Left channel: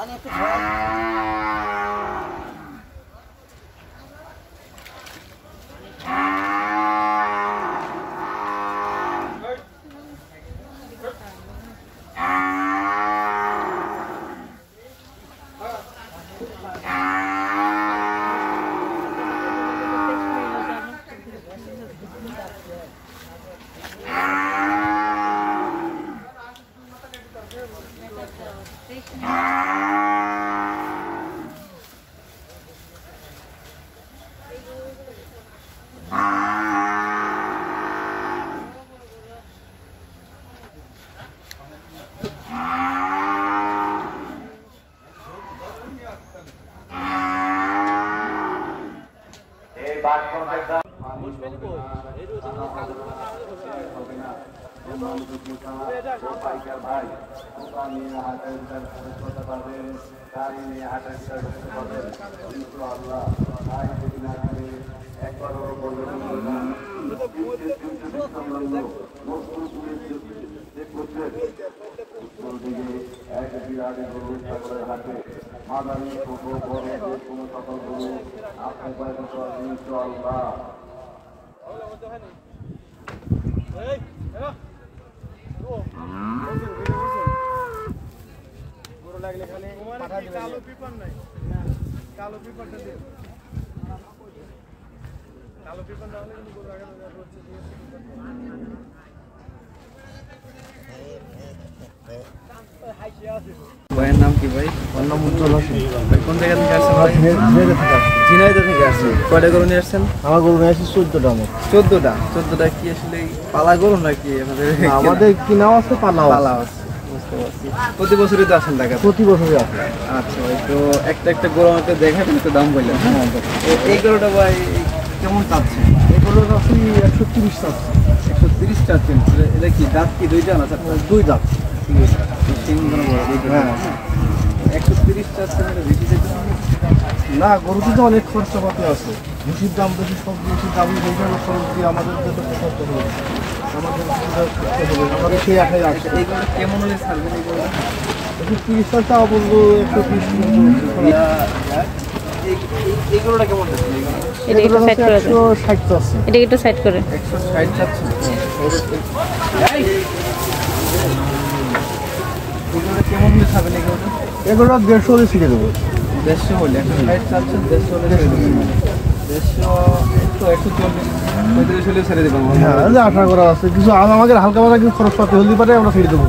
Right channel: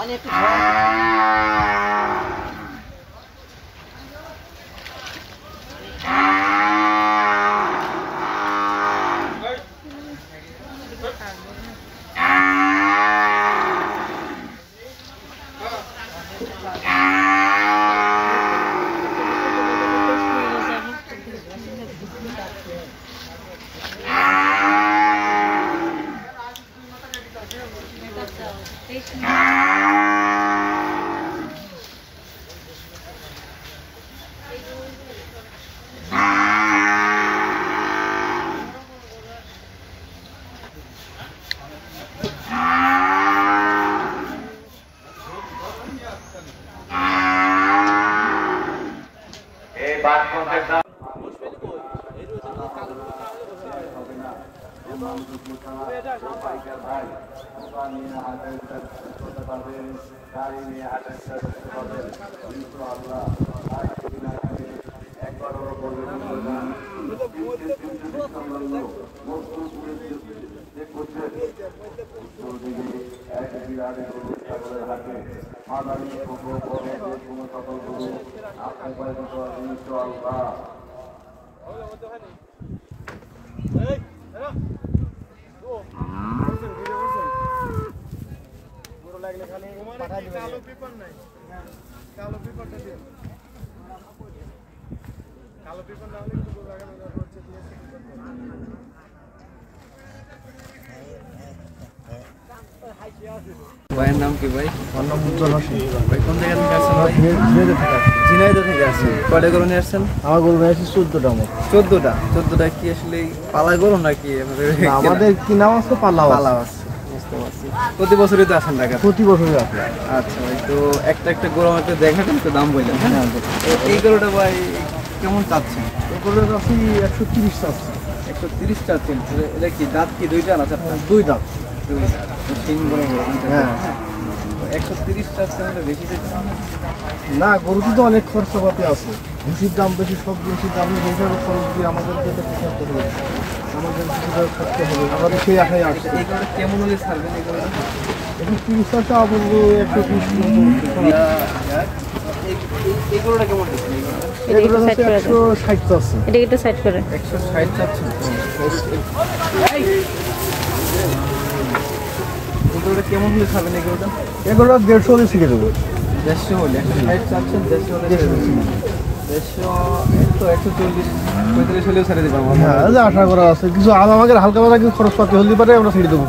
পানি একটু ভাইয়ের নাম কি ভাই? আমার নাম উজ্জ্বল হোসেন। ভাই কোন জায়গা থেকে আসছেন ভাই? ঝিনাইদহ থেকে আসছেন। কয়টা গরু নিয়ে আসছেন? আমার গরু নিয়ে আসছি 14টা মতো। 14টা কি আসলে পালা গরু নাকি? আমাদের কি নাম আছে? পালা আছে। বুঝতে পারছি। প্রতি বছরই তো আসেন ঢাকা? প্রতি বছরই আসেন। আচ্ছা ভাই, তো একটা গরু আমাকে দেখাবেন, তো দাম বললেন। তো এই গরুটা ভাই কেমন চাচ্ছেন? এগুলো আছে 130 চাচ্ছেন। 130 চাচ্ছেন। এটা কি দাঁত কি দুইটা না? দুই দাঁত। হ্যাঁ, 130 চাচ্ছেন, বেশি না। গরুটি তো অনেক খরচাপাতি আছে, ভুষির দাম বেশি, সব জিনিসের দাম বেশি, খরচ দিয়ে আমাদের তো খরচা হবে, আমাদের খরচা হবে, আমাদের সেই আশায় আসে। এইগুলো কেমন হলে ছাড়বেন? এই করে 130 টাকা বলবো, 130। এই গরুটা কেমন চাচ্ছেন? এগুলো 160 চাচ্ছে। এটা একটু সাইড করে 160 চাচ্ছেন। এগুলো কেমন হলে খাবেন? এগুলো 150 হলে ছিঁড়ে দেবো। 150 হলে 160 চাচ্ছেন, 150 হলে ছেড়ে দেবো। 140-135 হলে ছেড়ে দেবো। হ্যাঁ, আশা করা আছে। কিছু আমাদের হালকা পাতলা কিছু খরচ পাতি হলে পারে আমরা ছেড়ে দেবো।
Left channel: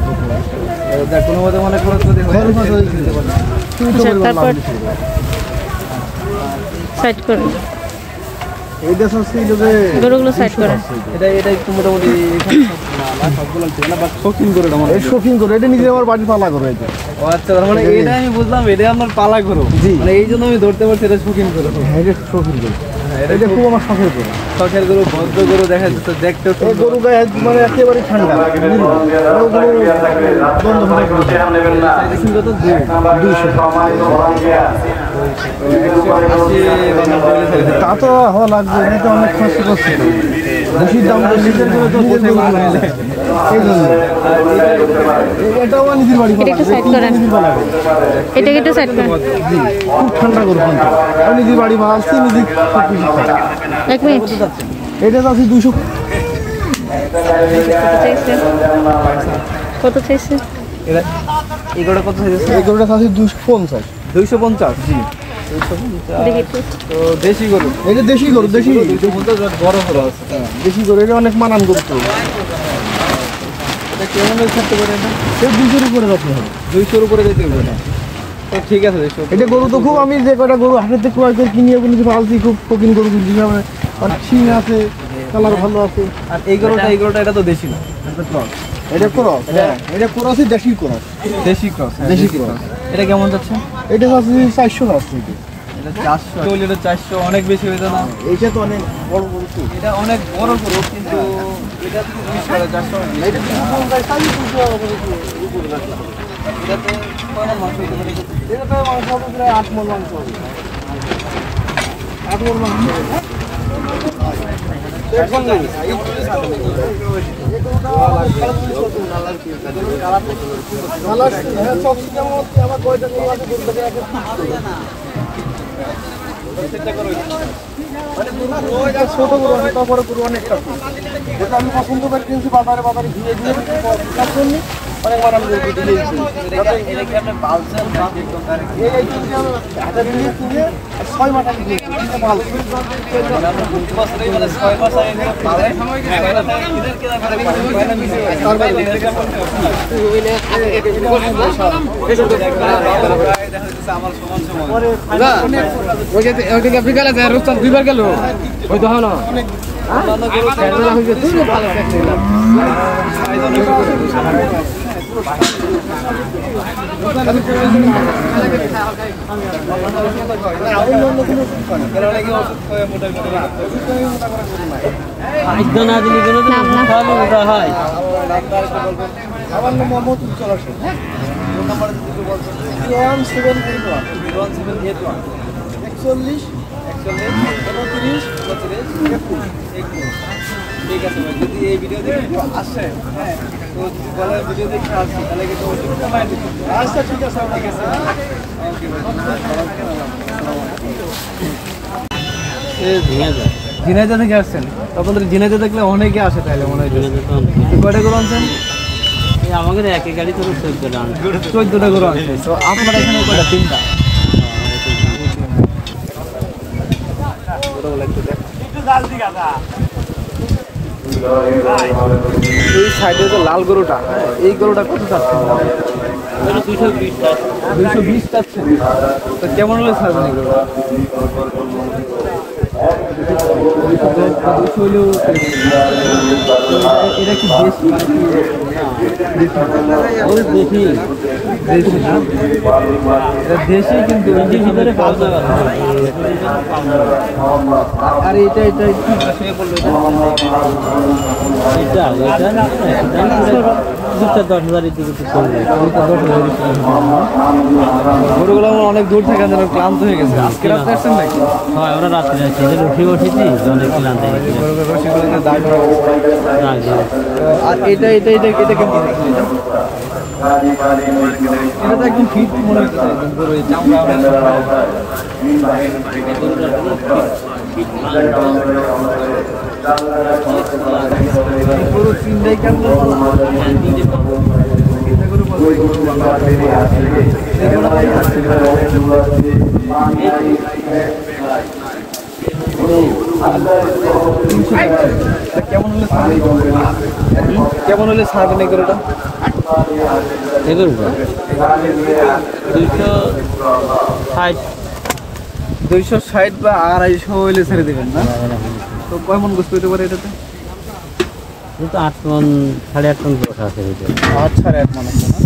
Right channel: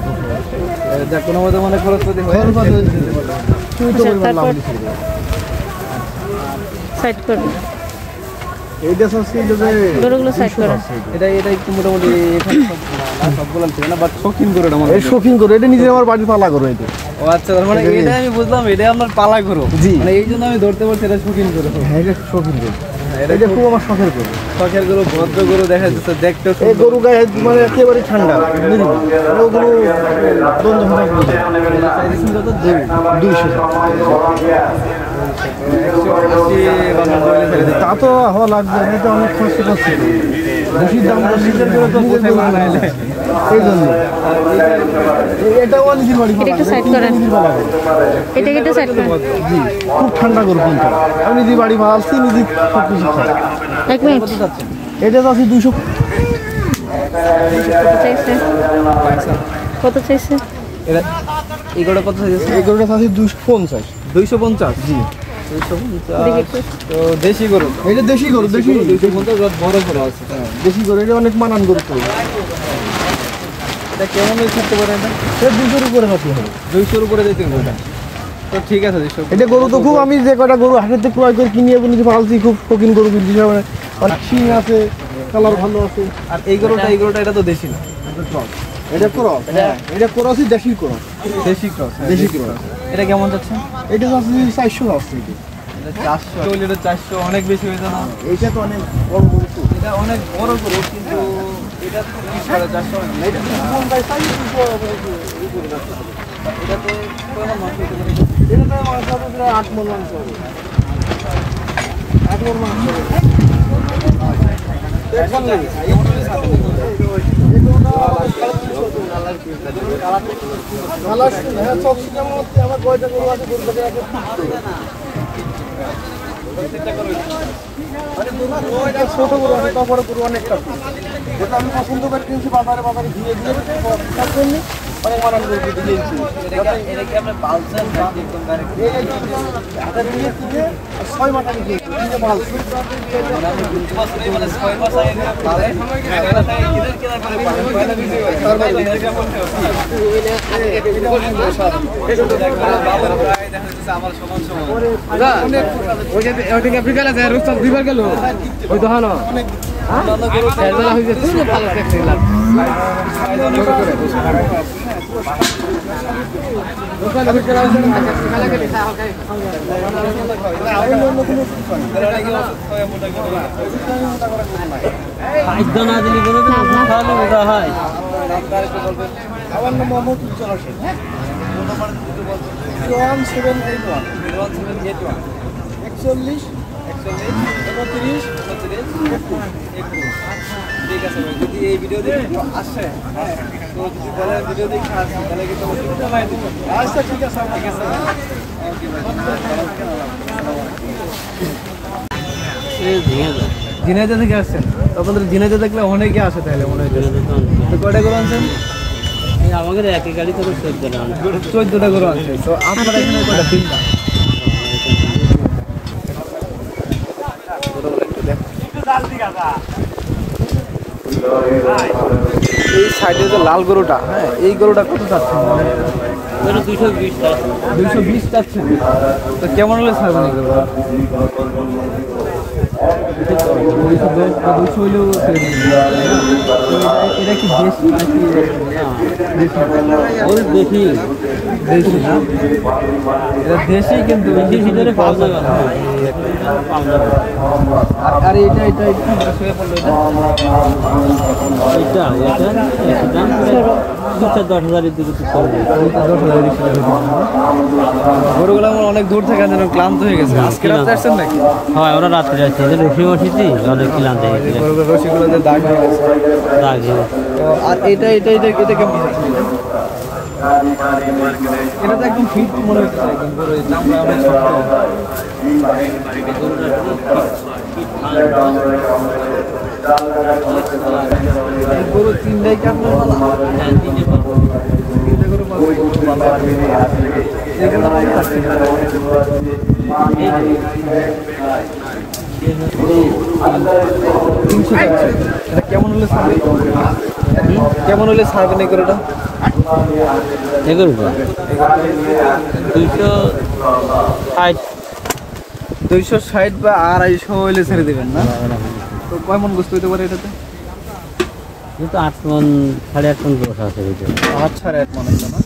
কোনো মতো মানে খরচ পাতি সাইড করে এইটা গরুগুলো সাইড করে। এটা একটু মোটামুটি সবগুলো ঠিক না, বাট শৌখিন গরু। এটা শৌখিন গরু, এটা নিজে আমার বাড়ির পালা গরু। এটা ও আচ্ছা, তার মানে এটা আমি বুঝলাম, এটা আপনার পালা গরু। জি, মানে এই জন্য আমি ধরতে পারছি এটা শৌখিন গরু। হ্যাঁ, এটা শৌখিন গরু। এটা খুব আমার শখের গরু। শখের গরু, ভদ্র গরু দেখা যাচ্ছে দেখতে। এই গরু গায়ে মানে একেবারে ঠান্ডা। তা তো হওয়া লাগবে, অনেক খরচ করছে। বেশির দাম এটাও নিজের বাড়ি। এটা সাইড করেন, এটা একটু সাইড করেন। খুব ঠান্ডা গরু, আমি নিজের বাড়ি ভালছি, নিজে সব কিছু খাই। এক মিনিট, এটা আছে 200। কত চাইছে? এগুলোটা কত চাইছে? এগুলোটা আছে 250। 250? জি। তো দেশি গরু, এটা দেশি গরু। দেশি বড় বড় আছে। দেশি গরু, এটা অনেক মানান গরু। এটা কেমন থাকতে পারে? এটা 200-র উপরে রাখতে হবে। 200-র উপরে যেতে হবে। তো ঠিক আছে। এটা গরু তো খুব, আমি যে কটা গরু হাটের থেকে ক্রয় করে কিনে নিজে পালছি, খুব শৌখিন গরু কিনছি। অনেক শিং আছে, কালার ভালো আছে। আর এই গরুটা এটা তো দেশি না, এটা ক্রস। এটা ক্রস, এটা ক্রসই দেশি ক্রস। দেশি ক্রস, দেশি ক্রস। এটা কেমন যাচ্ছে? এটা আছে 400 আছে। এটা 400 হইলে এটা 400 অনেক বেশি হয়ে যায় না? এইটা তো অনেক বড় গরু। এটা অনেক বড় গরু, কিন্তু এটা তো 450। এটা তো কোন ভাই 400 উপরে যাচ্ছে। এটা তো কয়টা মাংস হতে পারে? এটা তো মাংস হবে প্রায় 8 মণ মাংস হবে। 8 মণ মাংস হবে। ছোট গরু আছে তারপরে গরু অনেকটা যেটা আমি পছন্দ করে কিনছি বাজারে বাজারে ঘিরে দিয়ে অনেক মানান গরু কেটে দিয়েছি। এটা কি আপনি পালছেন নাকি একদম ডাইরেক্ট? এটা দিয়ে কিনে 6 মাস আগে দিয়েছি কিনে পালছি। মানে আপনি 2 মাস ধরে মানে 6 মাস আগে করে পালেন, পয়লা থেকে কিনে কেনার পরে পালেন, পয়লা দিতে পারেন। তারপরে এটা বলতে হবে এটা অনেক বেশি এটা দেখবেন বাবার প্রায় দেখা যাচ্ছে আমার সমান সমান অনেক ওইটা আপনি গেলে যায় রোজ দুইবার গেল ওই তো হলো অনেক অন্য গরু ফেরবেলা হয়ে যেত না ভালো লাগছে সাইজ অনেক আমার নাম মোহাম্মদ উজ্জ্বল হোসেন। ফোন নাম্বার দিতে বলছেন 01781 01781 41 41 29 29 21। ঠিক আছে ভাই, যদি এই ভিডিও দেখে কেউ আসে হ্যাঁ তো যদি বলে ভিডিও দেখে আসছি তাহলে কিন্তু অবশ্যই কমাই দিতে। আচ্ছা ঠিক আছে ঠিক আছে ভাই, ওকে ভাই ধন্যবাদ, ভালো থাকেন, আসসালামু আলাইকুম। ঝিনাইদহ থেকে আসছেন? আপনাদের ঝিনাইদহ দেখলে অনেকে আসে তাহলে মনে হয়। তো কয়টা গরু আনছেন? আমাদের একই গাড়ি তো 14টা গরু আনছে। তো আপনার এখানে কয়টা? 3টা। এই সাইডে যে লাল গরুটা, হ্যাঁ এই গরুটা কত চাচ্ছেন? 220 চাচ্ছেন। তো কেমন হলে ছাড়বেন এই গরুটা? 200 হলেও এটা কি দেশি নাকি দেখি দেশি না? দেশি কিন্তু আর এটা এটা কি শুয়ে পড়লো? এটা 10,000 দিকে গরুগুলো অনেক দূর থেকে ক্লান্ত হয়ে গেছে। আজকে রাতে আসছেন নাকি? হয়, ওরা রাত্রে যাচ্ছে, রসি বসেছি অনেক ক্লান্ত হয়ে গেছে। রসিগুলো দাগ হয়ে গেছে। আর এটা এটা এটা এটা কেমন? এটা তো একদম ফিট মনে হচ্ছে, একদম গরু চামড়া গরু 3টাই কেমন কেমন হলে ছাড়বেন এই গরুটা? 260 বা 250 হলে ছেড়ে দেবেন না? তো কেমন গোস পেতে পারে এটাতে? কিন্তু 8 মণ 8.5 মণ গোস আছে ভিতরে। 8.5 মণ আছে না?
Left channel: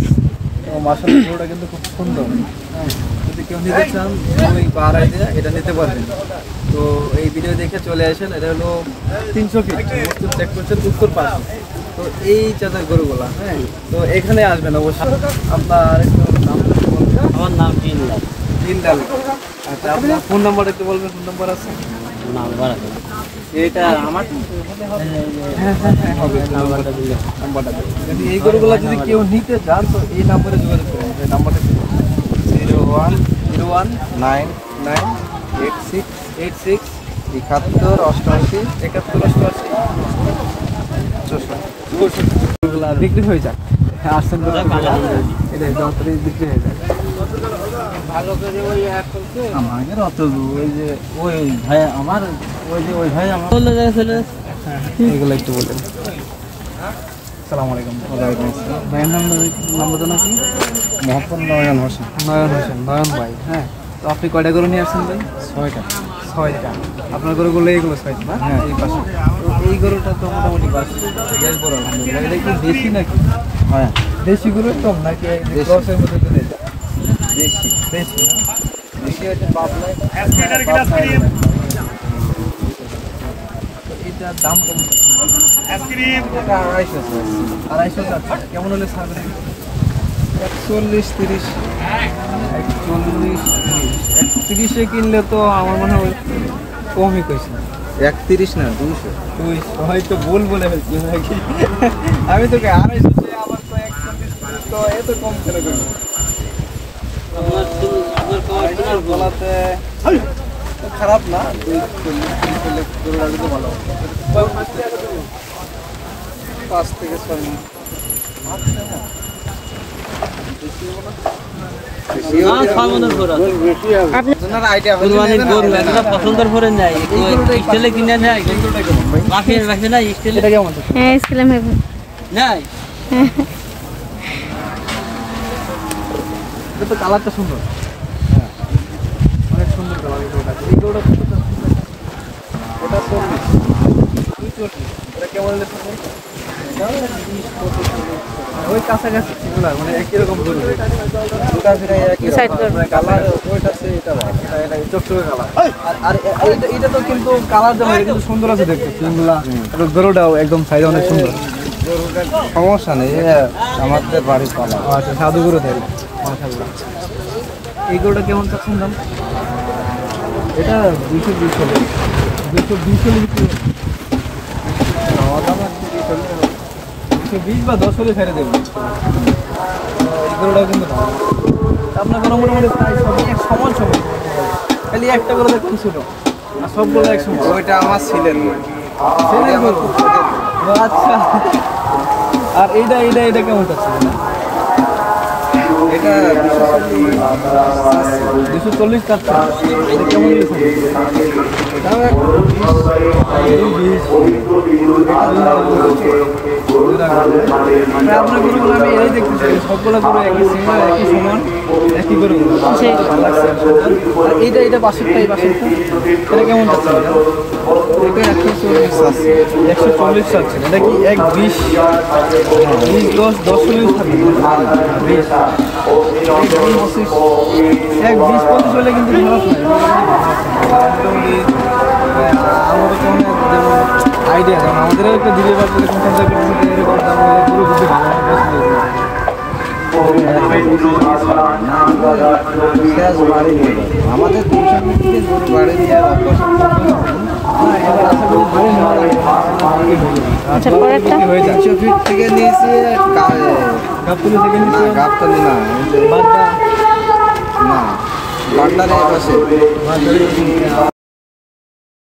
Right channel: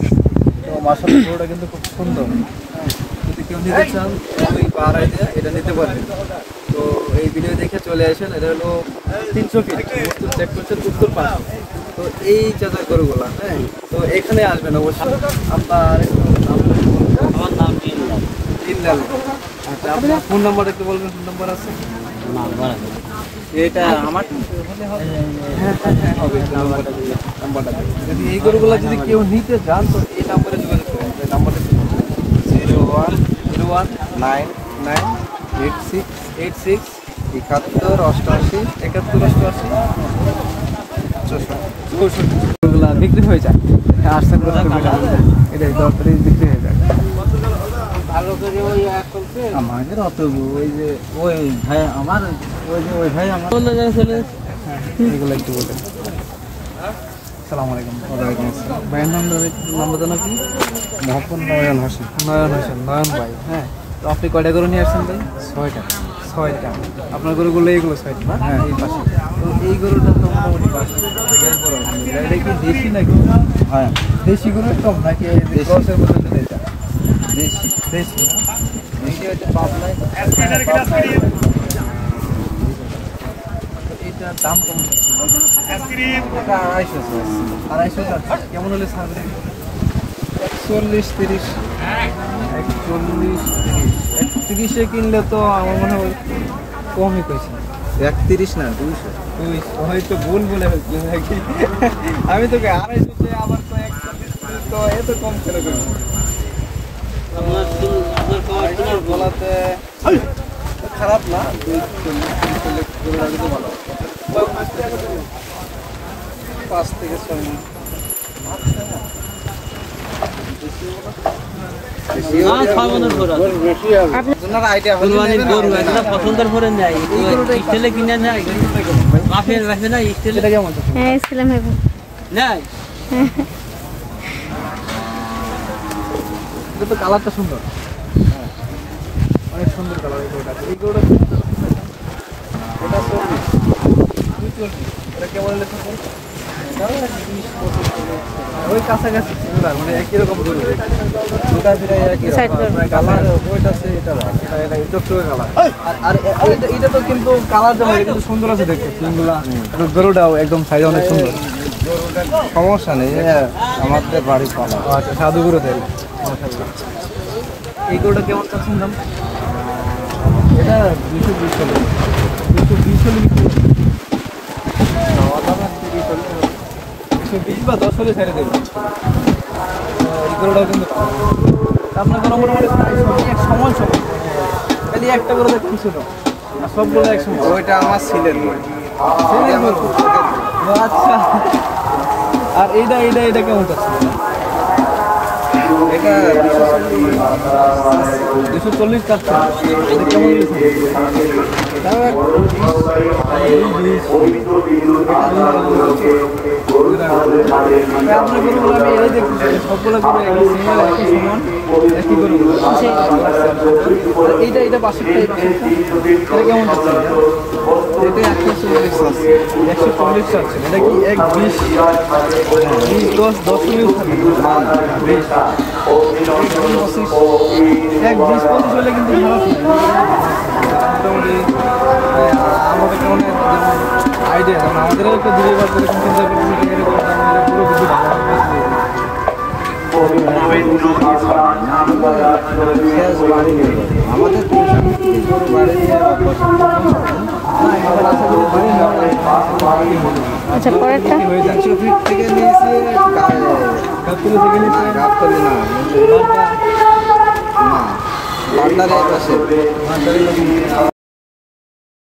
তো মাশাআল্লাহ গরুটা কিন্তু খুব সুন্দর। হ্যাঁ, যদি কেউ নিতে চান ওই পাড়ায় দিয়ে এটা নিতে পারবেন। তো এই ভিডিও দেখে চলে আসেন। এটা হলো 300 ফিট মস্তুর চেক করছেন উত্তর পাশে। তো এই চাচার গরুগুলা, হ্যাঁ তো এখানে আসবেন অবশ্যই। আপনার নাম? আমার নাম দিনলাল। দিনলাল। আচ্ছা, আপনার ফোন নাম্বার একটু বলবেন? ফোন নাম্বার আছে? নাম্বার আছে এটা আমার হবে নাম্বারটা। এই গরুগুলা যদি কেউ নিতে চান তো এই নাম্বারে যোগাযোগ করেন। এই নাম্বারটা 0101998686 71 88 71 88 64 বিক্রি হয়ে যায়। আসছেন এটা দপ্তরে বিক্রি হয়ে যায় ভালো করে। ওই আমাদের অত ওই যে ওই ভাই আমার ওই যে ওই ভাই আমার হ্যাঁ এগুলো একটু বলুন। আসসালামু আলাইকুম। ওয়ালাইকুম আসসালাম। ভাইয়ের নামটা নাকি? মোহাম্মদ নয়ন হোসেন। নয়ন হোসেন, নয়ন ভাই। হ্যাঁ, তো আপনি কয়টা গরু নিয়ে আসছেন ভাই? 6টা। 6টা আপনার গরুগুলো এইগুলো 6টা না? হ্যাঁ এই পাশে। তো এই গরুটা তো মোটামুটি পাশে এটা কি দেশি নাকি? হ্যাঁ দেশি গরু কম নাকি ক্রসের মধ্যে? এটা দেশি। দেশি না? দেশি হচ্ছে পাবনায়। পাবনায় এটার দাম কেমন? এটা 250 যাচ্ছে। কেমন হলে ছাড়বেন? 40-30। 40-30 কিনলে তো আমার মনে হয় কমই কইছে। 31 না 200 হয়তো ভুল বলে ফেলছি নাকি আমি তোকে 250 আবার তো 120 তো এত কম কেন করবো আপনার বলাতে খারাপ না 5 থেকে 6 মাস আপনার আইডিয়া হলে পছন্দের করে নেয় স্টেলে কিনে নেয় রাখবে না স্টেলে কেমন হ্যাঁ ইসলাম হবে নাই এটা তো কালারটা সুন্দর হ্যাঁ অনেক সুন্দর কালার এই গরুটা এটা এটা কেমন লেখা ওই কাছাকাছি মানে কিরকম গরু ওটা কালার ওইটা আছে এটা ভালো এটা চোখে কালার আর এটা তো কিন্তু কালার দেওয়া কিন্তু সুন্দর আছে দেখতে তিনগুলা গরুটাও একদম সাইড অনেক সুন্দর গরুটার সমস্যা নেই আমাদের বাড়ি পালা আচ্ছা সাধু গরু তাইলে মাশাআল্লাহ এই গরুটা কেমন চাচ্ছেন দাম এটা 220 টাকা 220 বা 10 হলে ছেড়ে দেবেন এই গরুটাও কিন্তু ভালো আপনার গরু মোটামুটি এক সমান খালি একটা গরু তো খুশি না আর সবগুলো এক সমান ওইটা আমার ছেলের গরু আচ্ছা আর এইটা কেমন চাচ্ছিল না এটা 240 টাকা এটা কেমন দিয়েছেন এটাও আপনার গরুগুলো আমি এই দেখতেছি সবগুলো গরু একই সমান একই গরু এইটা বাসিকটা এই বাসিকটা এটা কেমন চাচ্ছে এটা 140 চাচ্ছে এটা কি 120 10 থাকবে 120-25 হলে কিন্তু খারাপ নয় মোটামুটি আমাদের কেমন আইডিয়া কারণ আমাদেরও একটু দিলে বাড়তে এরকম দাম হলে পুরো কিছু ভালো আমাদের গরু বাড়ি দিয়ে আশা করি বাড়ি নেওয়া লাগে আচ্ছা পরেরটা হয়ে যায় 100 ফিট থেকে নিয়েছে গাবতলি থেকে নিয়েছে গাবতলি না বাড্ডার পাশে